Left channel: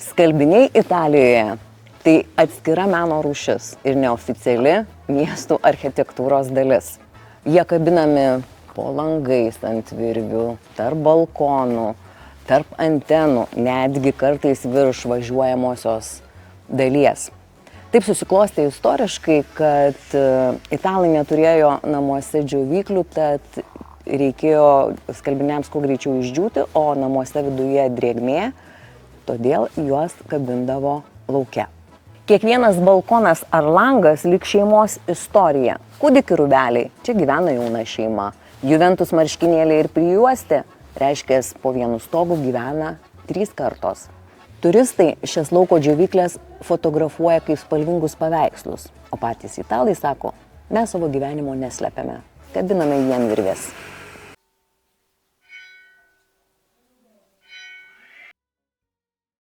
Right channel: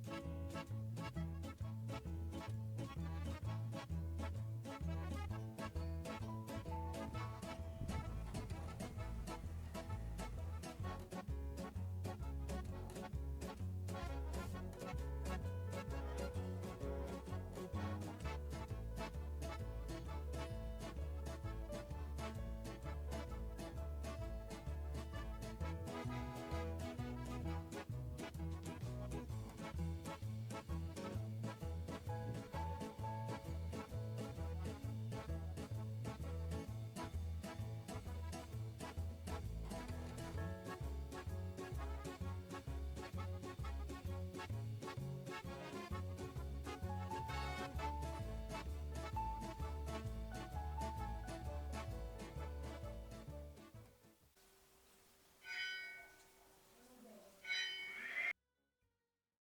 Skalbiniai Italijoje – tai atskira meno rūšis ir neoficiali miestų architektūros dalis. Jie kabinami po langais ant virvių, tarp balkonų, tarp antenų, netgi kartais virš važiuojamosios dalies. Taip susiklostė istoriškai, kad italai neturėjo namuose džiovyklių, tad reikėjo skalbiniams kuo greičiau išdžiūti, o namuose viduje drėgmė, todėl juos kabindavo lauke. Kiekvienas balkonas ar langas lyg šeimos istorija. Kūdikių rūbeliai, čia gyvena jauna šeima. Juventus marškinėliai ir prijuostė, reiškia, po vienu stogu gyvena 3 kartos. Turistai šias lauko džiovyklės fotografuoja kaip spalvingus paveikslus, o patys italai sako, mes savo gyvenimo neslepiame, kabiname jiem virvės.